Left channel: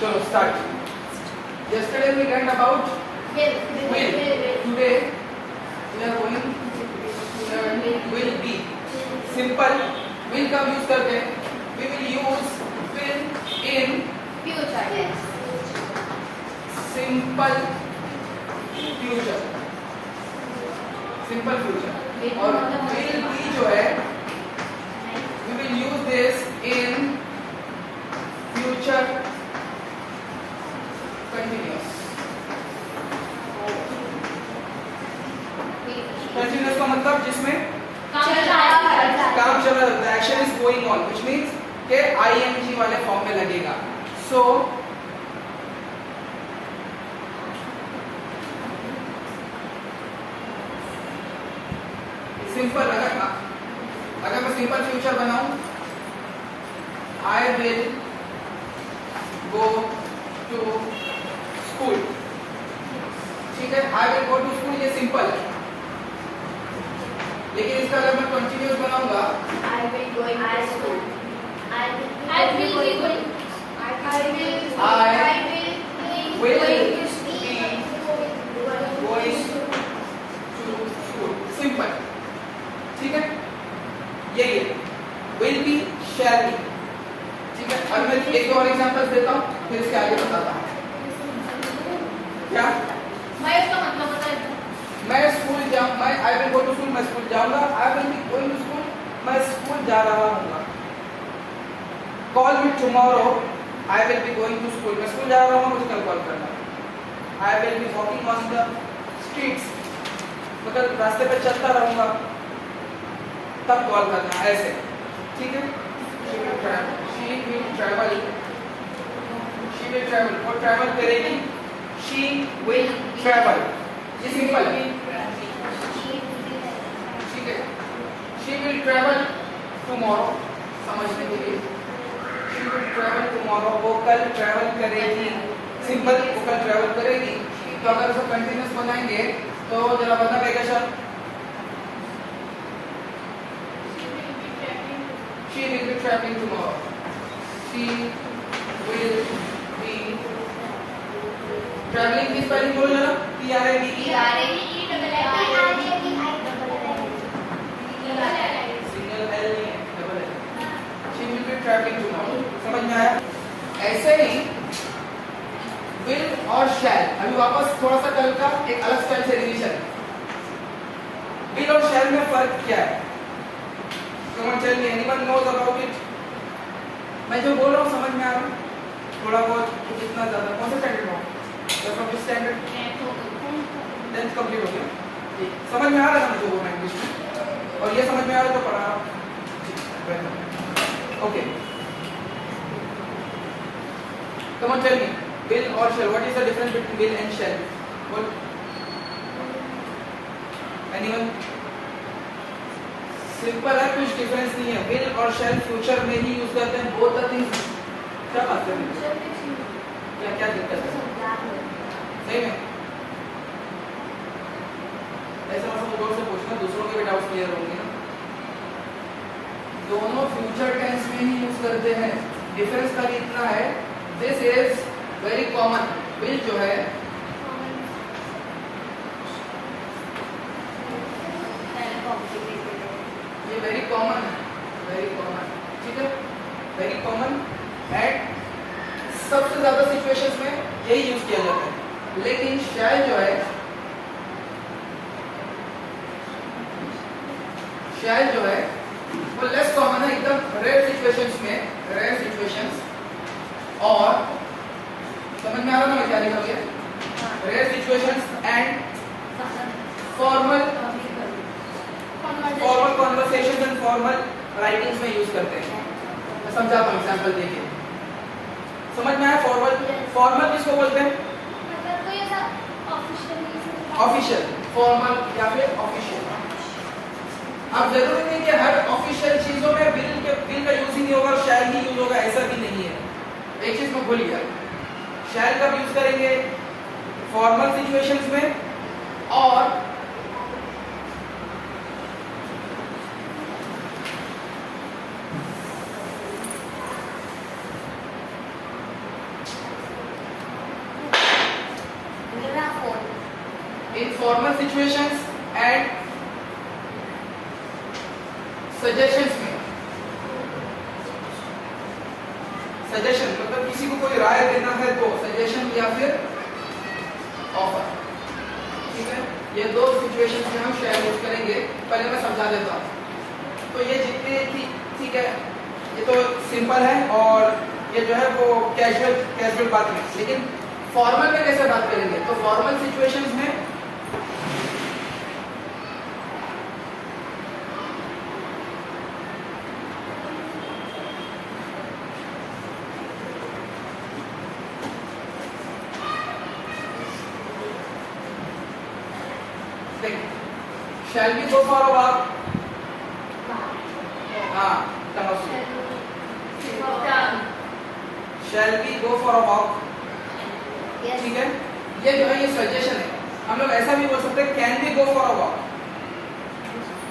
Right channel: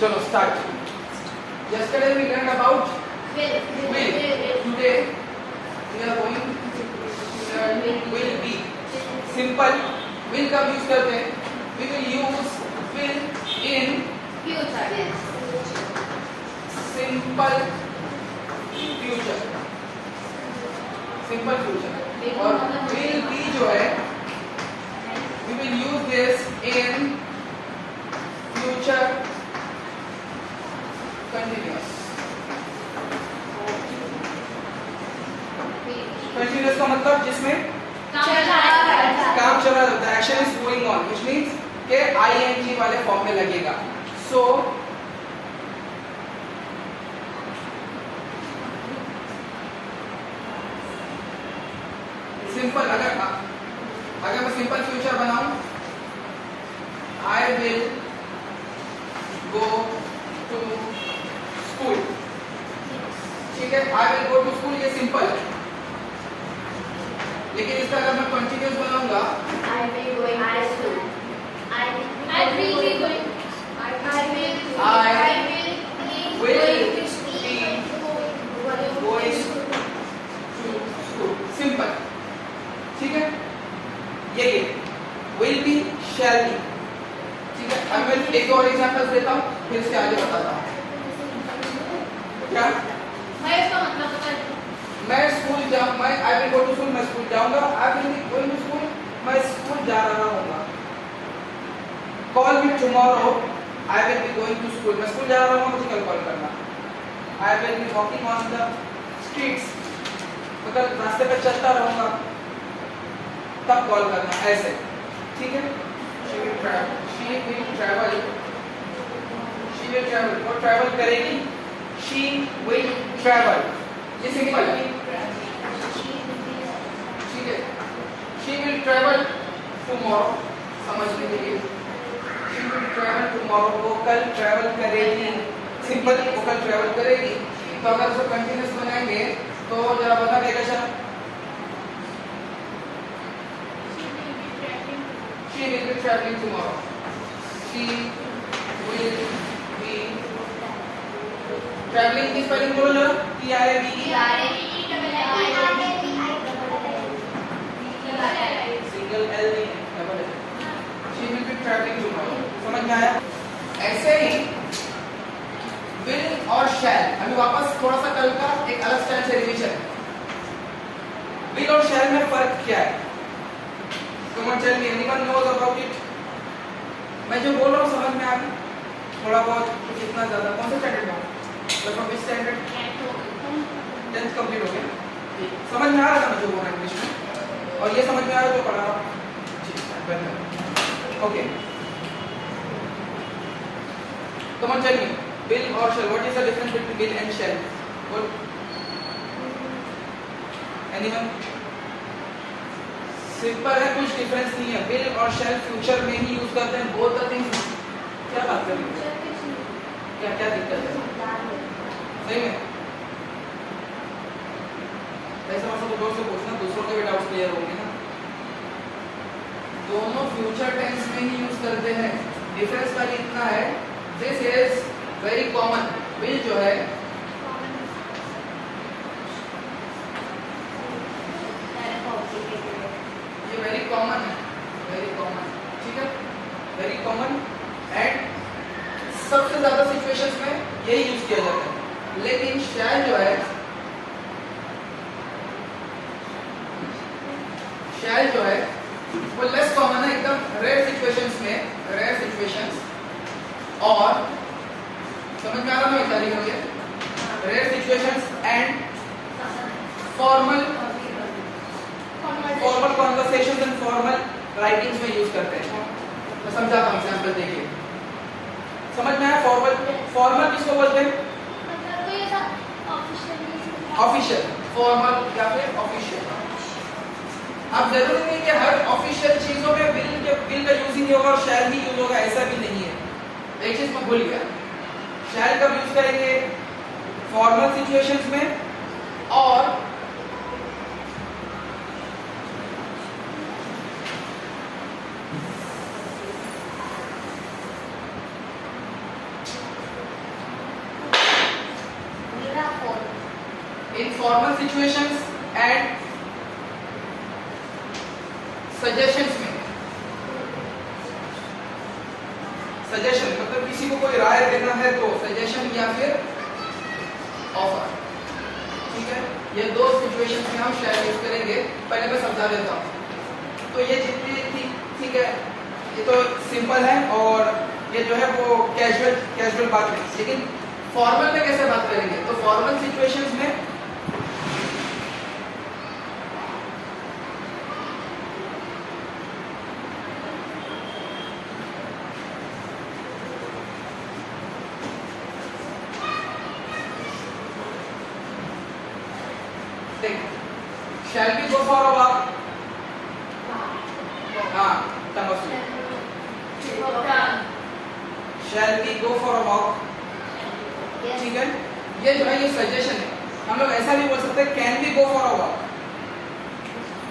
चलो start. Yesterday we learned about will. Today we are going to learn will be. Simple. Will कब use करते हैं? We will use will in future. simple future. Simple future. और will be जो है we will use this in future continuous. Continuous का मतलब जिसमें काम चल रहा है, the action is going on, which means के ing वाले फॉर्म में लगेगा. So सिंपल, अगर मैं सिंपल फ्यूचर बनाऊं, I will go to school. ठीक है, I will go to school, ये सिंपल है. लेकिन इसका अगर मैं कंटिन्यूस बनाऊंगा, I will going to school. I will be going to school. Simple. ठीक है, यही है विल बी, शैल बी. ठीक है, अब मैं एक और एग्जांपल देता हूँ, फिर इसके आगे बताता हूँ. क्या मैं स्कूल जाऊँ, मैं I will go to school, मैं स्कूल जाऊंगा. I will be going to school, मैं स्कूल जा रहा हूँगा. Call me tomorrow, I will be going to school, मैं स्कूल जा रहा हूँ, मुझे कल कॉल करना. I will be walking on the streets, मतलब रास्ते पे चलता रहूंगा, तब कॉल करना. ऐसे. ठीक है, शी विल ट्रैवल, और ट्रैवल करेगी. शी विल ट्रैवल, ये सिंपल है. ठीक है, शी विल ट्रैवल टुमारो, समझने के लिए शी विल ट्रैवल टुमारो, वो कल ट्रैवल करेगी. सिंपल, वो कल ट्रैवल करेगी. तो अगर उसको कंटिन्यूस बनाएंगे तो जरा बना देगा sir. She will be traveling tomorrow. She will be traveling की स्पेलिंग बोल जरा. TRAVE. सिंगल L नहीं है, double L. She will be traveling tomorrow. समझ में आया? ऐसे ही will और shall. अभी वापस थोड़ा सा कल का एक अलग स्टाइल से रिवीजन. will और shall में फर्क क्या है? Come on, tell me, anyone knows about it? मैं जो बोल रहा हूँ समझ में आ गया? थोड़ा बहुत, इतना ज़्यादा. कौन सा स्टैंडर्ड में? तो from this standard 10th complete हो गया. समझ में आ रहा था मुझे वो इंग्लिश में, और ये समझ में आ रहा तो पढ़ा. Okay, come on, tell me, will or shall. What is the difference between will and shall? What? Anyone? Simple है, कुछ डिफरेंस नहीं है. विल और शैल फ्यूचर में ही यूज करते हैं. Both the things. क्या बात कर रहे हैं? क्या दिक्कत है? सही में ऐसा मतलब लोगों से पूछना, दूसरों के भी डाउट्स क्लियर होंगे ना. दोनों फ्यूचर टेंस में ही यूज करते हैं. डिफरेंस खाली इतना है, this is very common. Will जो है वेरी कॉमन है, वेरी कॉमन. ठीक है, वेरी कॉमन. एंड सबसे ज्यादा सिचुएशंस में यही यूज किया जाता है. लेकिन शैल जो है, शैल जो है वो लेस कॉमन है, एकदम रेयर सिचुएशंस में, रेयर सिचुएशंस. और समझ में आ रहा है क्या मुझे? Rare situations and formal conversation and formal writings में यूज करते हैं. मैं समझाता हूँ एग्जांपल देखिए. समझ में आया? फॉर्मल किसको बोलते हैं? ऑफिशियल, फॉर्मल या फिर ऑफिशियल. अब जरूरी नहीं कि हर ऑफिशियल चीजों में विल का यूज ही होगा और शैल ही यूज होगा, ऐसा भी नहीं है. एक चीज मैं भूल गया. शैल कब यूज करेंगे? फॉर्मल सिचुएशंस में और फॉर्मल सिचुएशंस एंड सजेशंस में, सजेशन मतलब किसी को कोई राय देना है तो सजेशन या फिर ऑफर, ठीक है। ये दो सिचुएशंस में हम शेयर यूज करेंगे। पहले मैं समझा देता हूँ। तो ये जितनी थी, ठीक है, ये तो सिंपल है और ये जो है वो कैजुअल बात है। लेकिन फॉर्मल में कैसे बात करेंगे? तो फॉर्मल सिचुएशंस में shall we go for a walk? हाँ, shall we go for a walk? Yes. ठीक है, ये जो है ये सजेशन है। हम लोग ऐसा भी बोल सकते हैं can we go for a walk,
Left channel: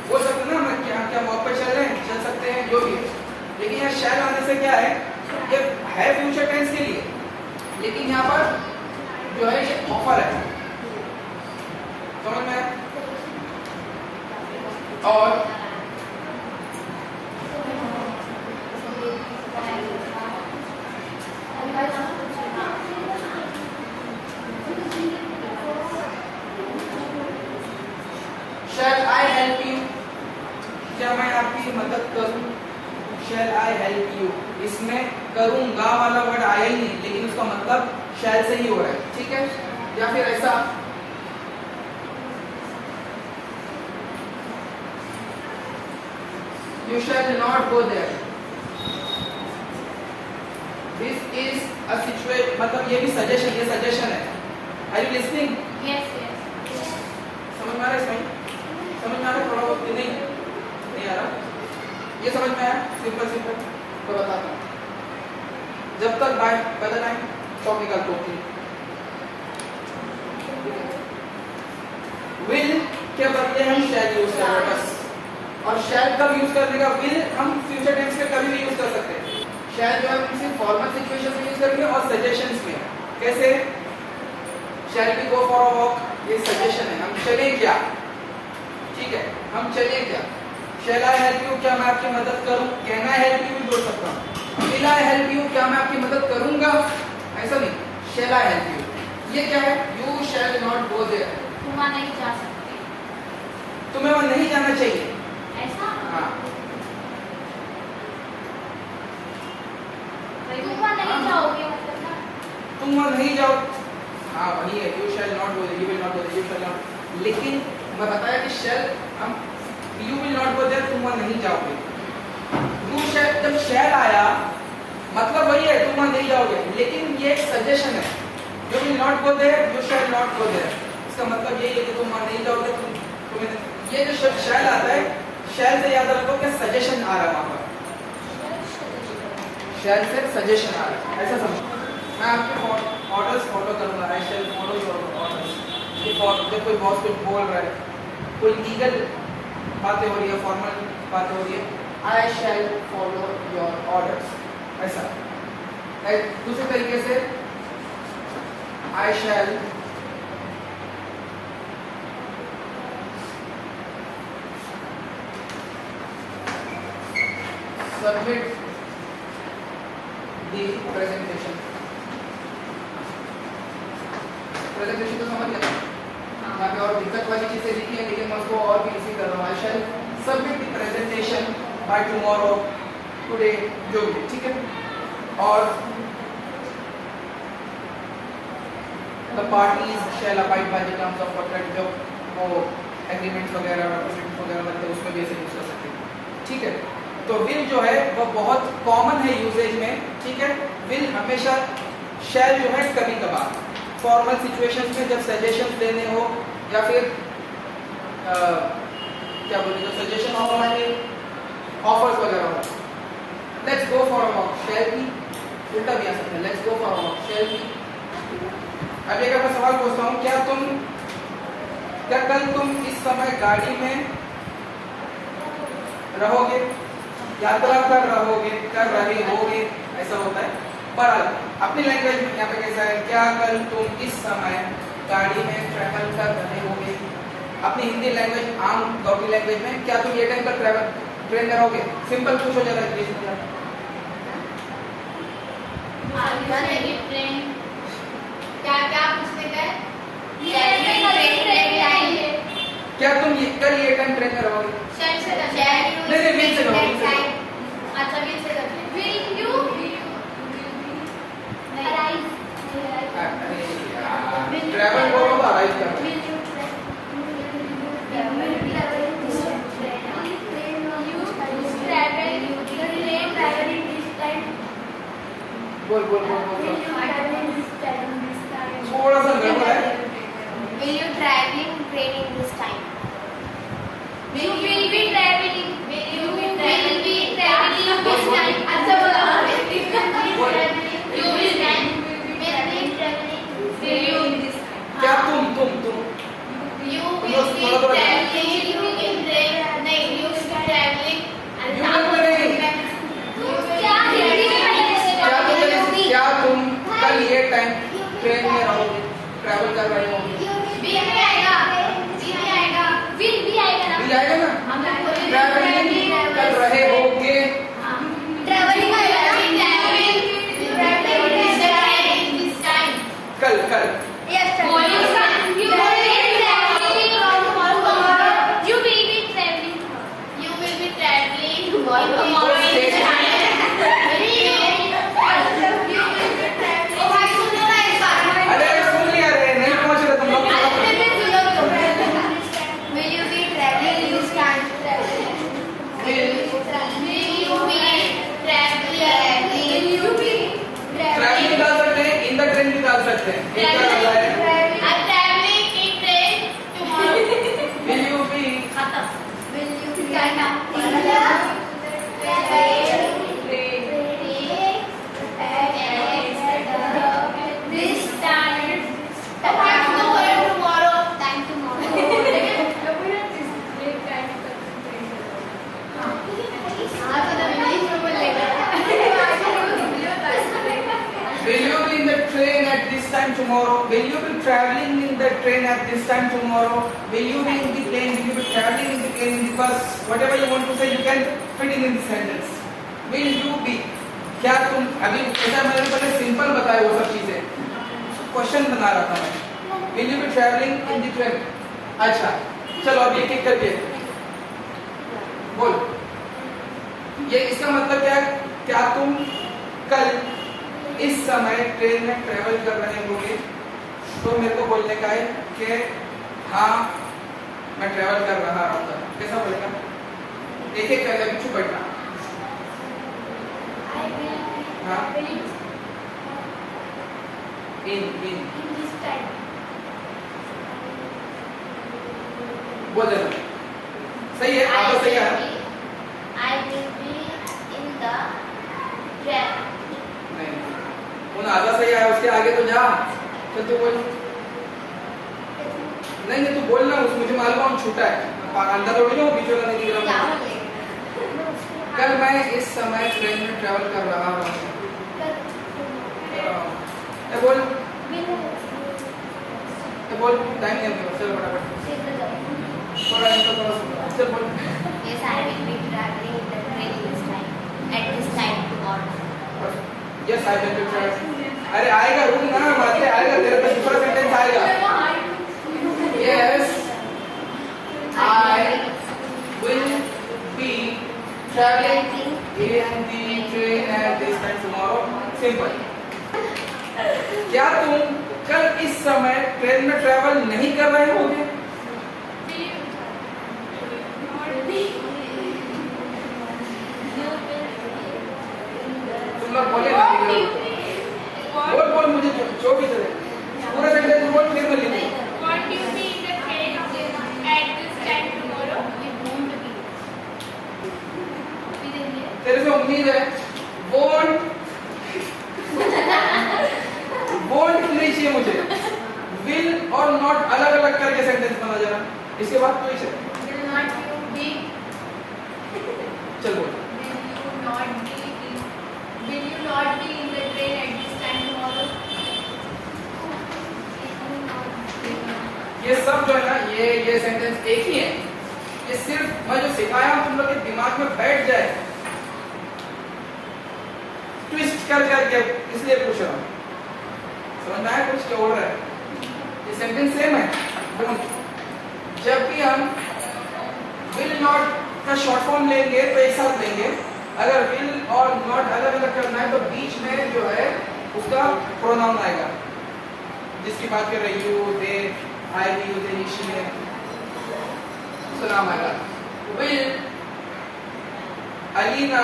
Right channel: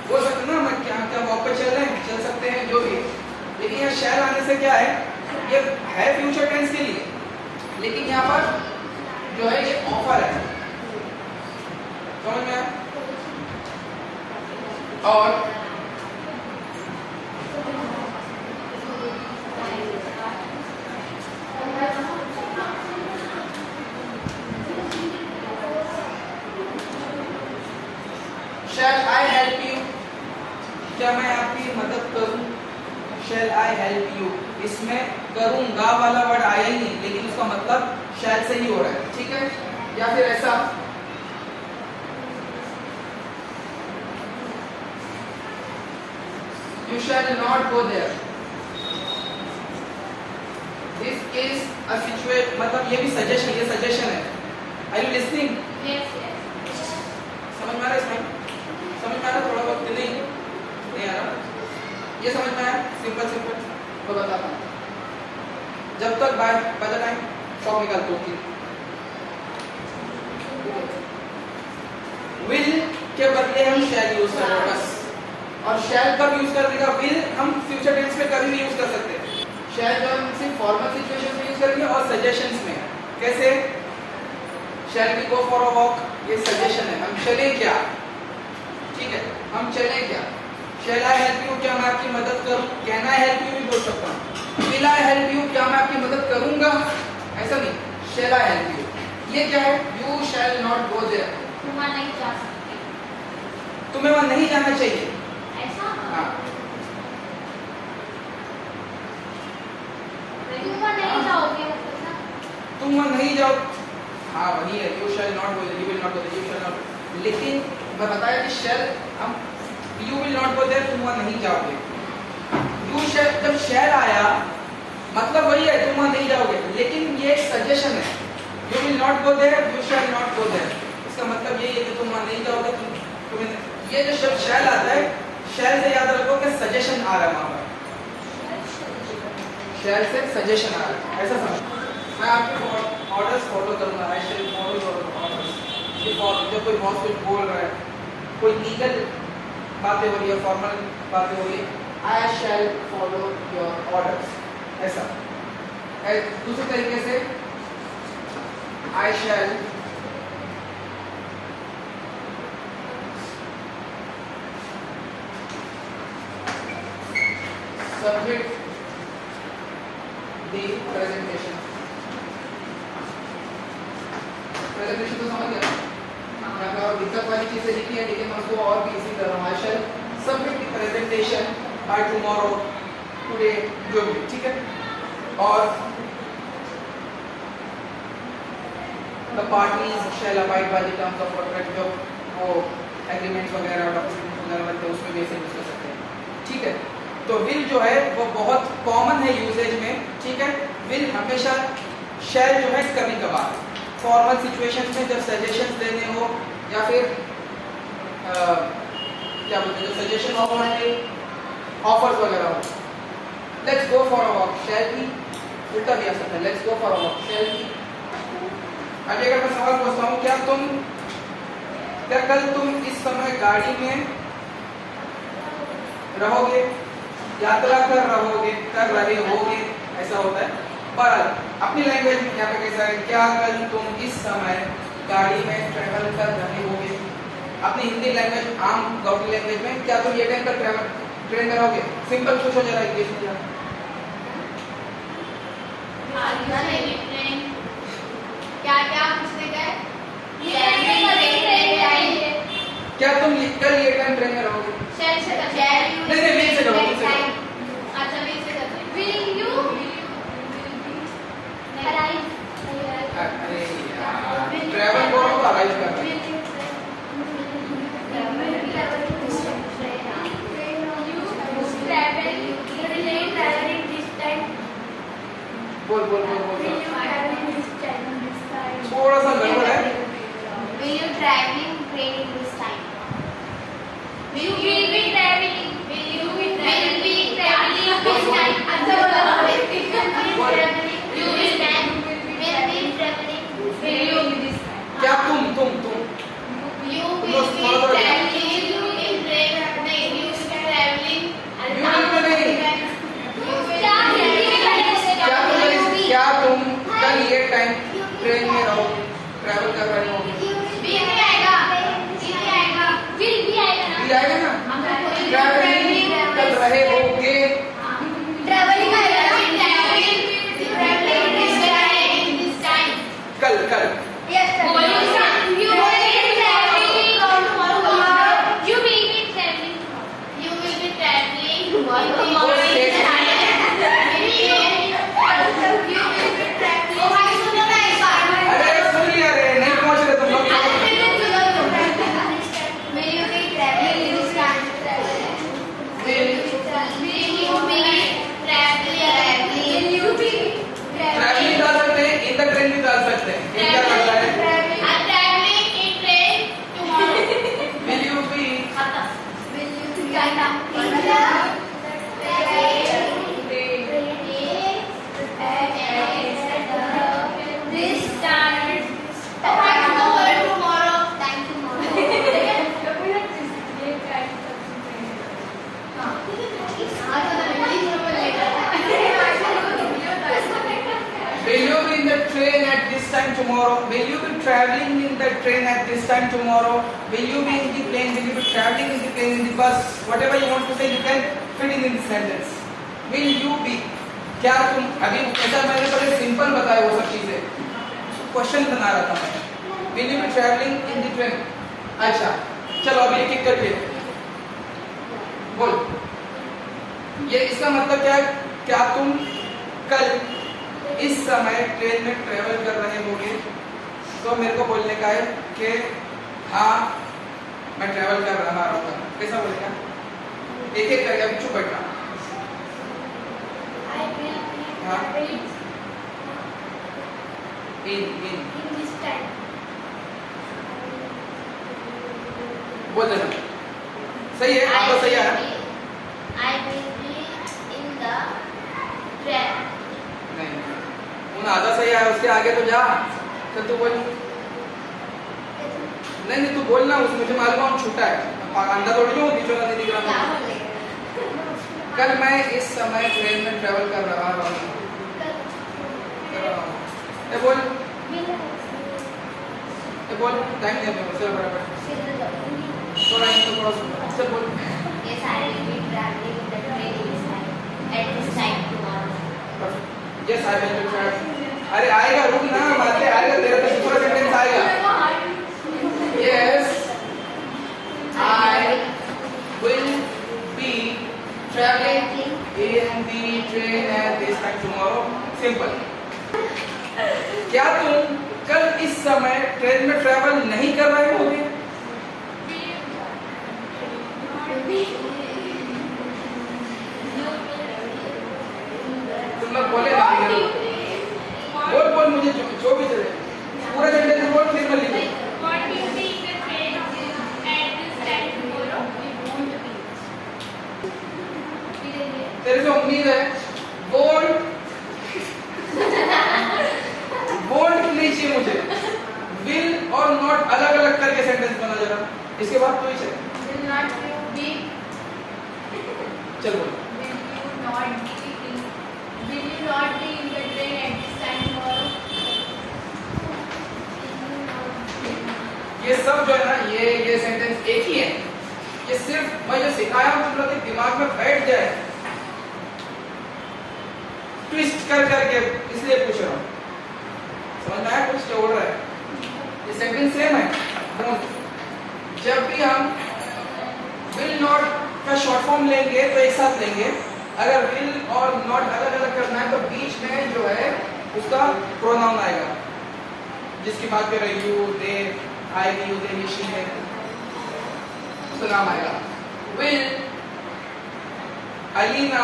बोल सकते हैं ना, हम क्या वॉक पे चल रहे हैं, चल सकते हैं, जो भी है। लेकिन ये शैल आने से क्या है, ये है फ्यूचर टेंस के लिए, लेकिन यहाँ पर जो है ये ऑफर है, समझ में आया? और shall I help you, क्या मैं आपकी मदद करूं? shall I help you, इसमें करूंगा वाला वर्ड आया ही नहीं, लेकिन उसका मतलब shall से ही हो रहा है, ठीक है। या फिर ऐसा you shall not go there, this is a situation, मतलब ये भी सजेशन, ये सजेशन है। Are you listening? Yes, yes. समझ में आ रहा है? इसमें समझ में आ रहा है? थोड़ा बहुत नहीं आ रहा? ये समझ में आया? सिंपल सिंपल तो बताता हूँ। जब तक बाय द टाइम चौक निकलते होती विल के बदले हम शैल यूज कर रहे हैं बस। और शैल कब यूज करने का? विल हम फ्यूचर टेंस में कभी नहीं यूज कर सकते। शैल जो हम सिर्फ फॉर्मल सिचुएशन में यूज करेंगे और सजेशंस में। कैसे? Shall we go for a walk, ये सजेशन है, हम चले क्या, ठीक है, हम चले क्या। शैल आई हेल्प यू, क्या मैं आपकी मदद करूं? कैन आई हेल्प यू भी बोल सकता हूं। विल आई हेल्प यू, क्या मैं आपकी मदद करूंगा, ऐसा नहीं। शैल आई हेल्प यू, ये क्या है? You shall not go there, तुम वहां नहीं जा सकते, तुम्हें वहां नहीं जाना चाहिए, ऐसा। हाँ। तुम वहां नहीं जाओगे मतलब ना, तुम वहां नहीं जाओ, हाँ वही है। You shall not go there, you will not go there, you shall not. लेकिन मैं बताया कि शैल हम you will not go there, तुम वहां नहीं जाओगे। यू शैल, जब शैल आया मतलब वही है, तुम वहां नहीं जाओगे, लेकिन ये एक सजेशन है। You will not go there, you shall not go there, इसका मतलब ये है कि तुम वहां नहीं जाओगे। तुम्हें ये जो शब्द शैल आता है, शैल से याद रखो कि सजेशन आ रहा है वहां पर, शैल से सजेशन आ रहा है, ऐसा समझो। मैं आपके ऑर्डर्स फॉलो करूंगा, आई शैल फॉलो योर ऑर्डर्स। जब कोई बॉस कुछ बोल रहा है, कोई लीगल बातें हो रही है, फॉर्मल बातें हो रही है, आई शैल फॉलो योर ऑर्डर्स, ऐसा। दूसरे तरीके से आई shall submit the presentation. Presentation तो समझ गया, यहाँ पे और दिक्कत वाली चीजें लिखी है, लेकिन मैं उसको और भी इजी कर रहा हूँ। I shall submit the presentation by tomorrow, today, जो भी, ठीक है। और the parties shall abide by the terms of contract, जो वो एग्रीमेंट्स वगैरह डॉक्यूमेंट्स वगैरह लगते हैं उसमें भी ऐसे यूज कर सकते हैं, ठीक है। तो विल जो है वो बहुत कॉमन है यूजेज में, ठीक है। विल हमेशा, शैल जो है कभी कभार फॉर्मल सिचुएशंस में, जब सजेशन देने हो या फिर क्या बोलते हैं, जब सजेशन ऑफर्स वगैरह हो। Let's go for a walk, shall be उल्टा भी आ सकता है, let's go for a walk, shall be. अभी अगर मैं सवाल पूछता हूँ, क्या कल तुम इस समय गाड़ी में रहोगे, यात्रा कर रहे होगे, ऐसा होता है। पर अपनी लैंग्वेज में यहाँ पे कैसा है, क्या कल तुम इस समय गाड़ी में ट्रैवल कर रहे होगे। अपनी हिंदी लैंग्वेज, आम गौटी लैंग्वेज में, क्या तुम ये टाइम तक ट्रेन में रहोगे? सिंपल पूछो जरा इंग्लिश में जरा। क्या पूछते गए? क्या तुम कल ये टाइम ट्रेन में रहोगे? नहीं, बीच से रहोगे। ट्रैवल करो तो अराइव कर रहे हैं। बोल बोल बोल बोल थोड़ा सा गड़बड़ है। Will you traveling training this time? You will be traveling. Will you be traveling this time? अच्छा बोला। You will be traveling. Will you this time? क्या तुम You will be traveling. You will be traveling. You will be traveling. You will be नहीं। क्या तुम कल ये time train में रहोगे, ट्रैवल कर रहे होगे? भी आएगा ना? ट्रैवलिंग कर रहे होगे। कल कल अरे सुन लिया रे, नहीं पहुंच रहे तुम लोग। ट्रैवलिंग डाल सकते हैं, इन द ट्रेन भी डाल सकते हैं। ये क्या डाल रहा है? Will you be This time. Will you be in the train at this time tomorrow? Will you be traveling in the train at this time tomorrow? Will you be in the plane? Will you be traveling in the plane, in the bus? Whatever you want to say, you can fit in this sentence. Will you be? क्या तुम अभी ऐसा मैंने पहले simple बताया वो सब चीजें, क्वेश्चन बना रहा था मैं। Will you be traveling in the train? अच्छा चलो अब एक एक करके बोल। ये इसका मतलब क्या है? क्या तुम कल इस समय ट्रेन में ट्रेवल कर रहे होगे? तो मेरे को बोलने का है कि हाँ मैं ट्रेवल कर रहा हूँ। कैसा बोलेगा? एक एक करके अभी चुप बैठना। हाँ इन बोल देना। सही है, आप तो सही है। I will be in the train. नहीं उन आधा सही है, उसके आगे तो जा। तो तू बोल। नहीं तू बोलना, उस मुझे मालूम है छूटा है, अंदर थोड़ी हूँ, बीच में नहीं दिख रहा। कल मैं इस समय ट्रेन में ट्रैवल कर रहा हूँ। बोल बोल, टाइम नहीं है, चलो फटाफट थोड़ा इनको थोड़ा सुनो। चल बोल। Yes, I will be traveling the train this time. At this time tomorrow. Yes, I will be traveling. अरे आएगा, रुक ना, बाद में आएगा, तेरा तो दूसरा सेंटेंस आएगा। Yes, I will be traveling in the train at this time tomorrow. Simple. क्या तुम कल इस समय ट्रेन में ट्रैवल नहीं कर रहे होगे? तुम लोग बोले ना, बोल बोल, मुझे जो भी चले पूरा सेंटेंस बोल, फिर मैं लिखूं। तेरे से उम्मीद है। वोंट नहीं चाहिए मुझे। विल और नॉट अलग अलग करके सेंटेंस बना जरा, इसके बाद कोई चल। चल बोल। Will you not be in the train at this time tomorrow? ये सब जो है ना, ये सेंटेंस एक ही है। ये सिर्फ मैं जो सिखाया हूं तुम लोग के दिमाग में बैठ जाए, ट्विस्ट कर करके, इसलिए पूछ रहा हूं। समझ में आया कुछ क्या बोल रहा है? ये सेंटेंस सेम है। जब भी हम विल नॉट का शॉर्ट फॉर्म लेंगे तो एक साथ लेंगे। अगर विल और नॉट अलग अलग करना है तो बीच में जो है उसका प्रोनाउन आएगा, जिसकी बात कर रहे हैं, you, they, I, you, they, she है, उसका नाम आएगा। Will Alina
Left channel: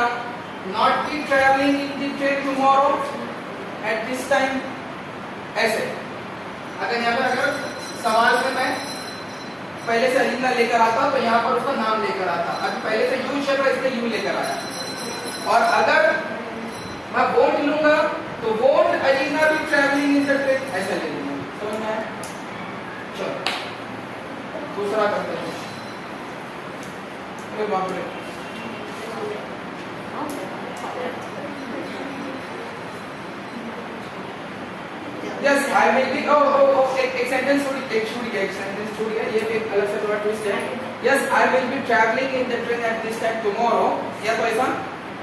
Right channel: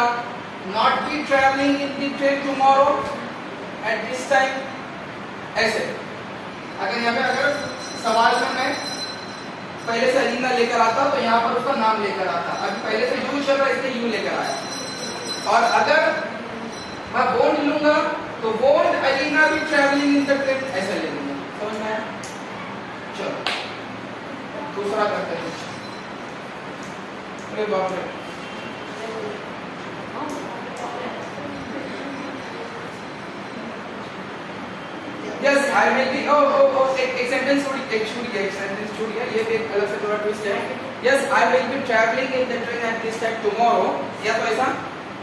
not be traveling in the train tomorrow at this time? ऐसे अगर यहाँ पे अगर सवाल में मैं पहले से अलीना लेकर आता तो यहाँ पर उसका नाम लेकर आता। अभी पहले से यू चल रहा है इसलिए यू लेकर आया। और अगर मैं वोंट लूंगा तो won't Alina be travelling in the train, ऐसा ले लूंगा। समझ में आया? चलो दूसरा करते हैं। कोई बात नहीं। Yes, I will be. एक सेंटेंस छूट गया, एक सेंटेंस छूट गया। ये एक अलग से थोड़ा ट्विस्ट है। Yes, I will be traveling in the train at this time tomorrow. या तो ऐसा,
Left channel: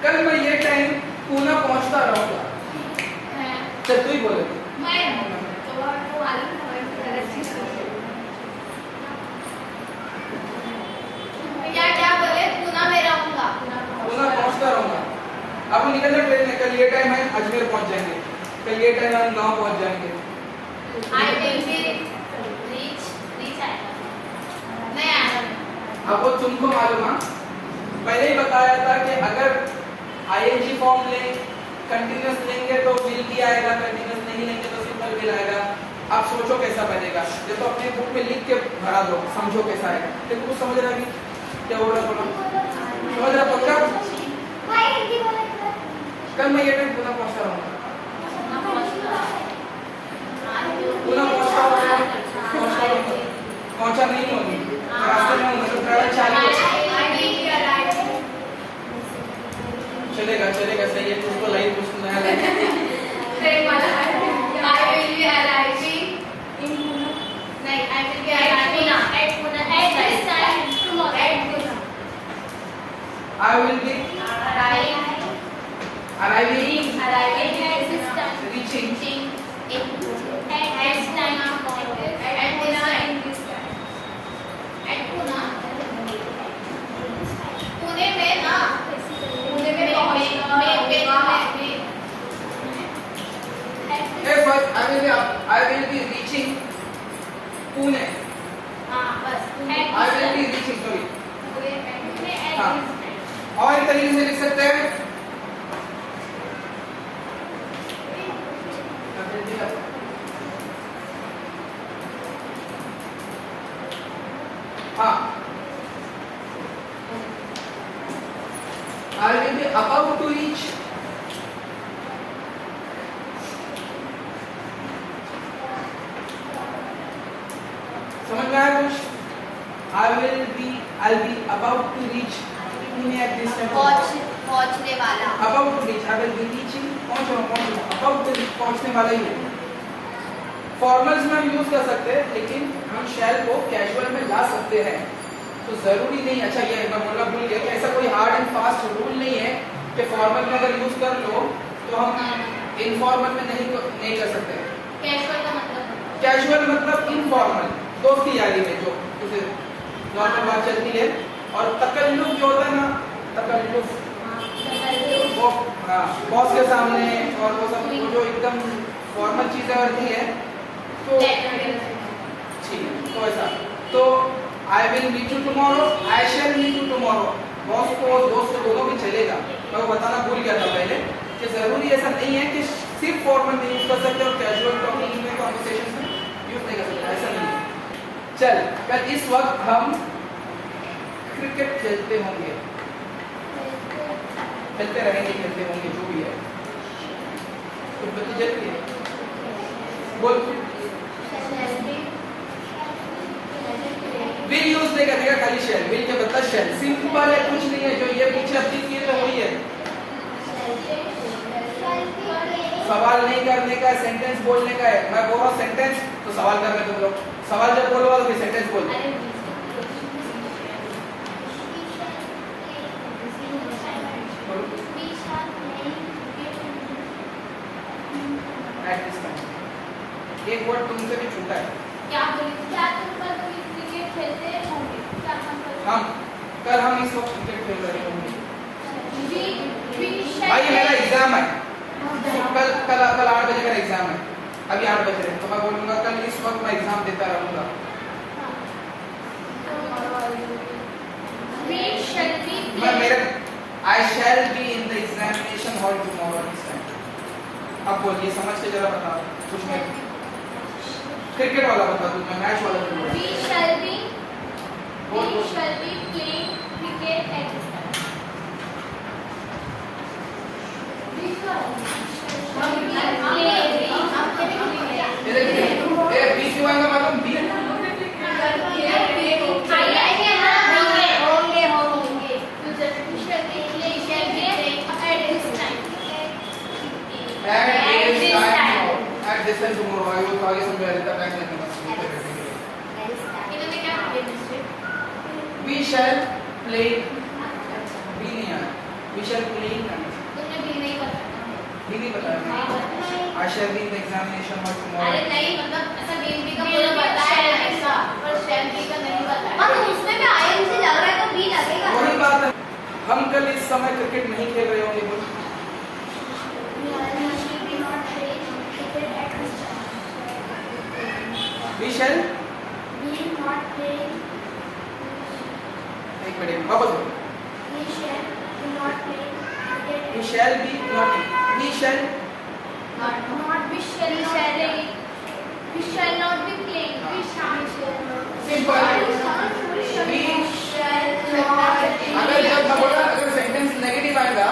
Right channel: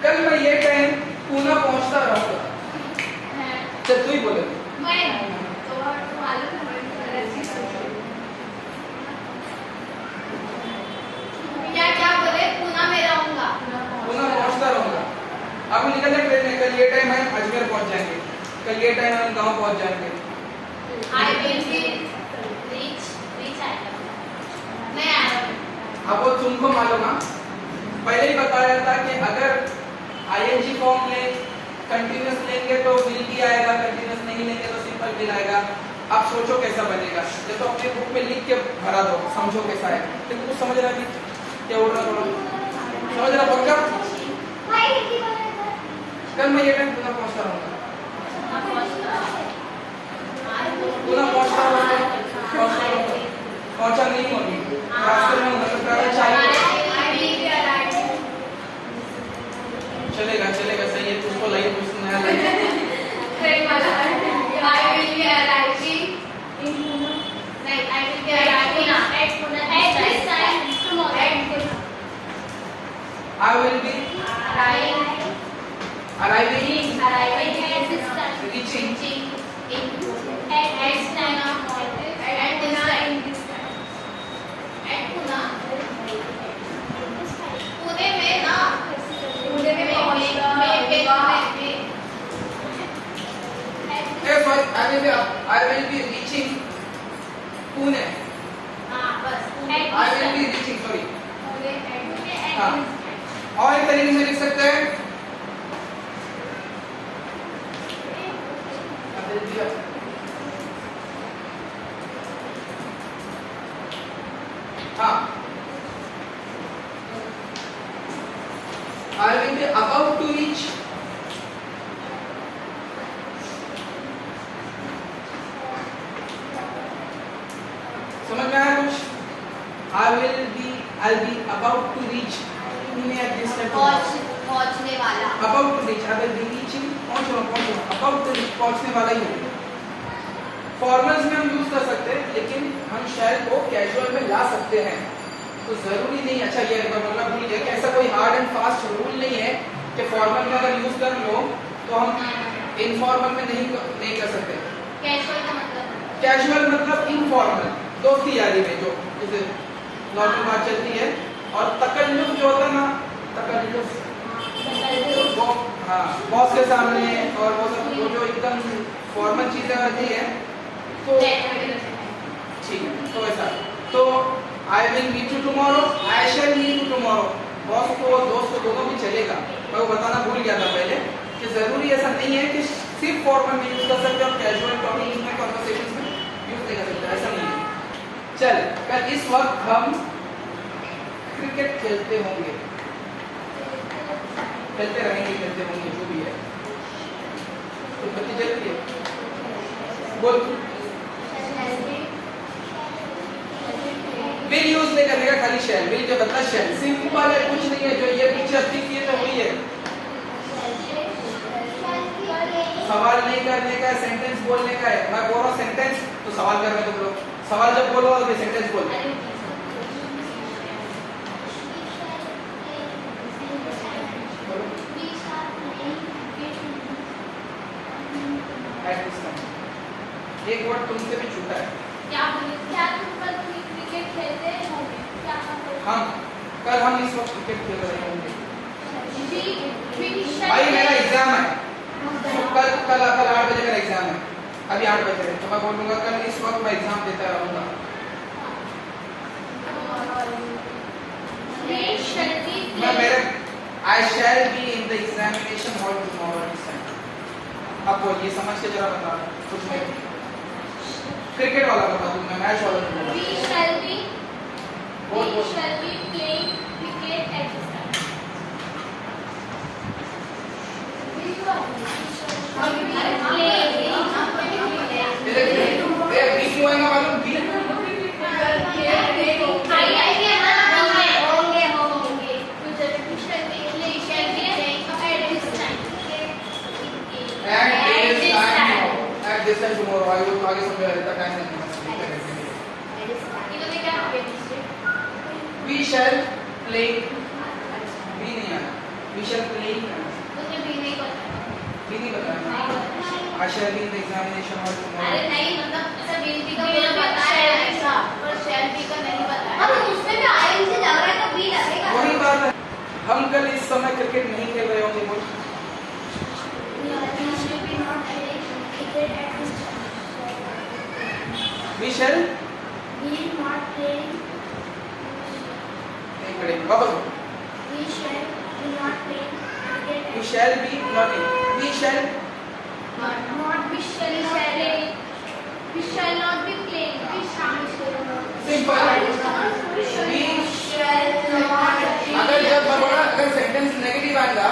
कल मैं ये ट्रेन पूना पहुंचता रहूंगा। चल तू ही बोले। क्या बोले? पूना में रहूंगा। पूना पहुंचता रहूंगा। अब निकल जाए ट्रेन में, कल ये टाइम हम अजमेर पहुंच जाएंगे, कल ये टाइम हम गांव पहुंच जाएंगे। I will be reach नहीं आया। अब वो तुमको मालूम है, पहले ही बताया था कि अगर आईएनजी फॉर्म ले, कंटिन्यूअस लेंगे तो विल भी आएगा, कंटिन्यूअस नहीं लेंगे तो सिंपल विल आएगा। आप सोचो कैसा बनेगा, ये तो अपनी बुक में लिख के भरा दो, समझो कैसा है। तो कुछ समझ रहा है क्या बोल रहा थोड़ा? समझ रहा पक्का? कल मैं ये टाइम पूना पहुंचता रहूंगा, पूना पहुंचता रहूंगा, पहुंचा नहीं होगी, रास्ते में हूँ, मतलब ट्रैवल चालू है। चलेगा चलेगा, सही है। तुझको लाइव कुछ नया live I will be arriving reaching I will be reaching Pune. I will be reaching, sorry. हाँ, और एक तरीके से लिख सकते हैं, हाँ, I will be about to reach. समझ में आया कुछ? I'll be about to reach Pune at this time. पहुंचने वाला। About to reach, I will be reaching, पहुंचूंगा, about to reach, पहुंचने वाला ही है। फॉर्मल्स में हम यूज कर सकते हैं, लेकिन हम शैल को कैजुअल में ला सकते हैं, तो जरूरी नहीं। अच्छा ये मैं बोलना भूल गया कि ऐसा कोई हार्ड एंड फास्ट रूल नहीं है कि फॉर्मल में अगर यूज कर लो तो हम इनफॉर्मल में नहीं कर सकते। कैजुअल मतलब इनफॉर्मल, दोस्ती यारी में जो जैसे नॉर्मल बात चलती है। और तकल्लुफ जो होता है ना, तकल्लुफ वो हाँ बॉस के सामने और वो सब, वो जो एकदम फॉर्मल चीजें होती है तो ठीक है। तो ऐसा, तो I will meet you tomorrow, I shall meet you tomorrow. Boss को दोस्त को दोनों भी चलेगा। मैं वो बताना भूल गया था पहले कि जरूरी ऐसा नहीं है कि सिर्फ फॉर्मल में यूज कर सकते और कैजुअल टॉकिंग में, कॉन्वर्सेशन में यूज नहीं कर सकते, ऐसा नहीं है। चल, पर इस वक्त हम क्रिकेट खेलते होंगे, खेलते रहेंगे, खेलते होंगे, जो भी है। कुछ बच्चे जल्दी है बोल। विल यूज नहीं करेगा, खाली शेल। विल के बदला शेल, सिंपल है, कुछ नहीं है। जो ये पीछे अपनी किए तो वही है। सवाल नहीं करने का, सेंटेंस बोलने का है। मैं बोल रहा हूँ सेंटेंस तो सवाल कर रहे थे लोग, सवाल जब बोलो और सेंटेंस बोलो। At this time. एक वर्ड तुमसे भी छूटा है। क्या बोली? क्या तुम कल क्रिकेट खेलते होंगे? क्या हम कल हम इस वक्त क्रिकेट खेल रहे होंगे। भाई भाई मेरा एग्जाम है, कल कल कल 8 बजे का एग्जाम है, अभी 8 बज रहे हैं, तो मैं बोलूंगा कल इस वक्त मैं एग्जाम देता रहूंगा। मैं मेरे I shall be in the examination hall tomorrow this time. अब बोलिए समझ के जरा बताओ कुछ नहीं, क्रिकेट वाला बता दूं मैं, मैच वाला नहीं बोला। We shall be playing cricket at this time. ये देखिए ये बी क्यों आएगा मालूम? Be at this time tomorrow. आगे तो आगे समझा देता टाइम नहीं। We shall play. बी नहीं आया, we shall play बी नहीं बताया। I shall be in the examination hall tomorrow। अरे नहीं, मतलब ऐसा will be का बताया ऐसा, पर shall be का नहीं बताया। अब उसमें भी ING लग रहा है तो be लगेगा। वही बात है, हम कल इस समय क्रिकेट नहीं खेल रहे होंगे। बोल we shall एक मिनट वापस बोल। we shall be not we shall We shall not be playing. We shall simple. अगर जब मैं बोला अगर सेंटेंस नेगेटिव आएगा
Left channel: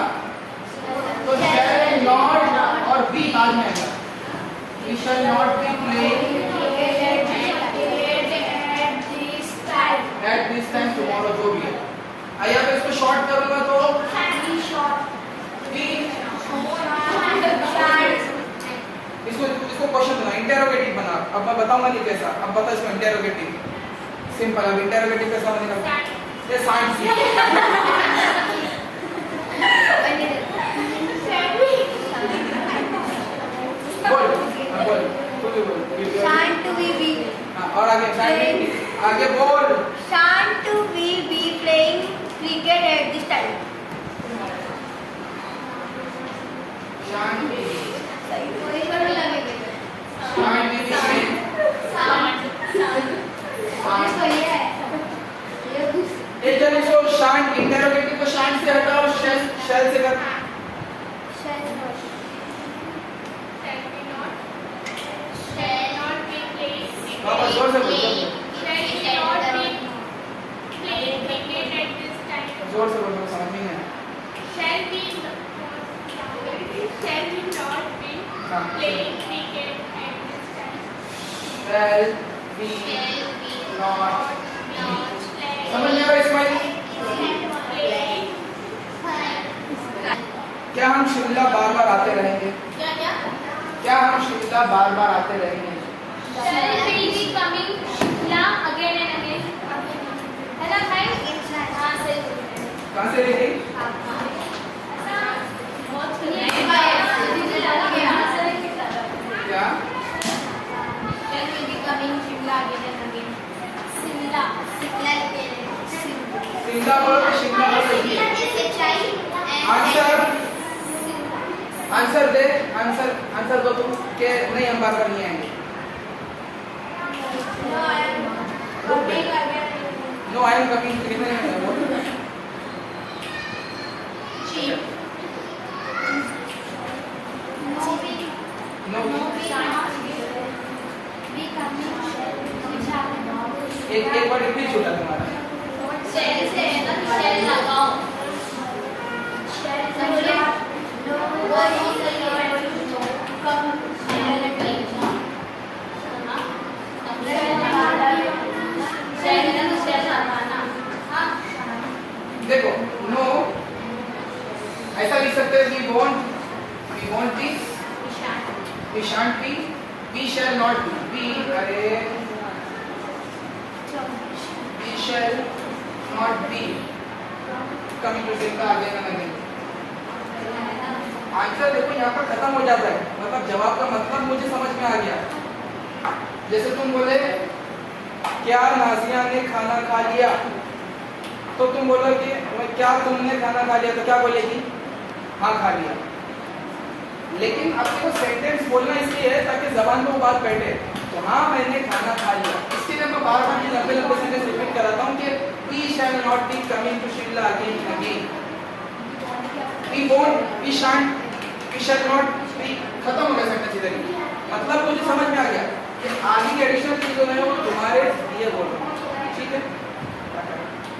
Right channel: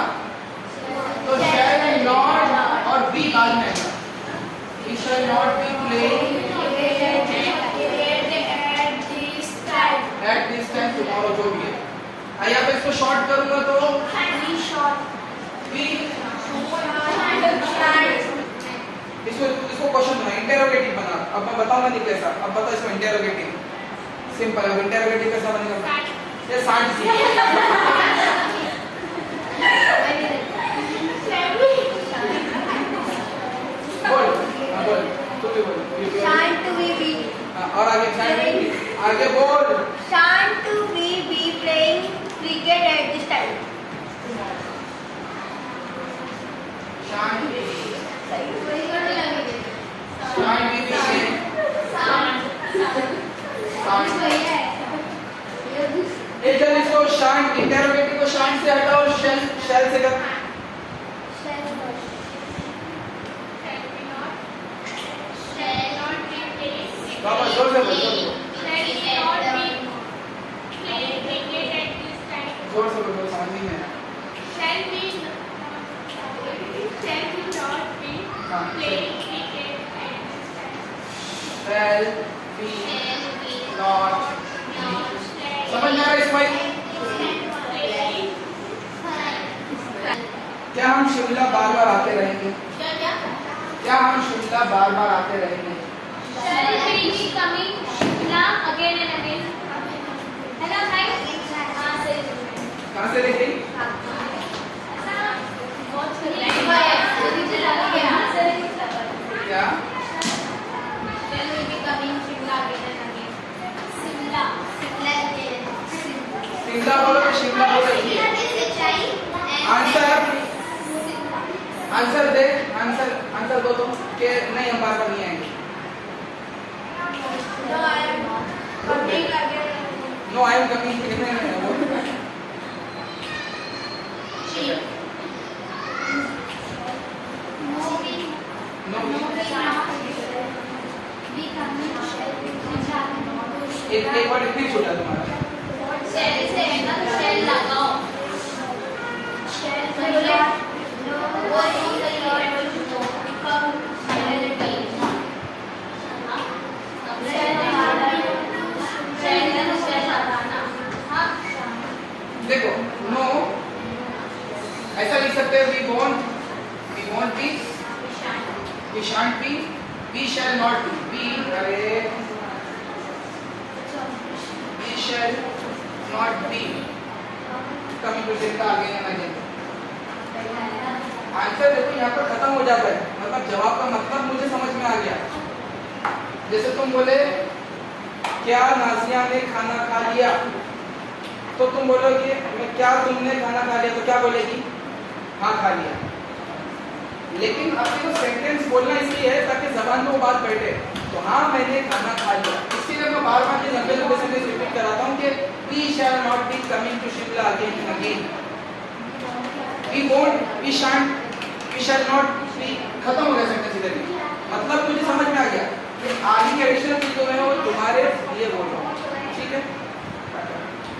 तो shall not और be बाद में आएगा। we shall not be playing at this time tomorrow जो भी है। आइए अब इसको शॉर्ट करूंगा तो इसको क्वेश्चन बना, इंटेरोगेटिव बना। अब मैं बताऊंगा नहीं कैसा, अब बता इसको इंटेरोगेटिव। सिंपल। अब इंटेरोगेटिव कैसा बनेगा? ये सांड सी बोल। हां बोल, तू भी बोल। हां और आगे बोल। Shan't we be playing cricket at this time? शांत भी एक जन इसको शांत इंटेरोगेटिव को शांत से हटाओ, शैल से कर। वापस जोर से बोलो, जोर से बोलो, समझ नहीं है। शैल बी नॉट समझ में आ रहा है इस्माइल? क्या हम शिमला बार बार आते रहेंगे? क्या हम शिमला बार बार आते रहेंगे? कहाँ से लिखी? क्या शिमला बोलो तो शिमला बोलो। आंसर दे, आंसर दो तुम के नहीं हम बार बार नहीं आएंगे। नो आई एम कमिंग कितने हैं वो? एक बार इतनी छोटा तुम्हारा देखो नो ऐसा लिख सकते हैं we want peace, we shan't be, we shall not be. अरे shall not be coming to Shimla again and again. Answer देखो यहाँ पर खत्म हो जाता है, मतलब जवाब का मतलब मुझे समझ में आ गया। जैसे तुम बोले क्या नाज़िया ने खाना खा लिया, तो तुम बोलोगे क्या तुमने खाना खा लिया, तो क्या बोलेगी? हाँ खा लिया। लेकिन अब देखो सेंटेंस बोलना इसलिए है ताकि जबान में वो बात बैठे, तो हाँ मैंने खाना खा लिया। इसके लिए मैं बार बार ये लंबे लंबे सेंटेंस रिपीट कराता हूँ कि we shall not be coming to Shimla again and again, we won't, we shan't, we shall not be, खत्म हो गया सेंटेंस इधर ही। मतलब मुझे समझ में आ गया कि आगे की एडिशनल चीजों में वो तुम्हारे लिए बोल रहा हूँ।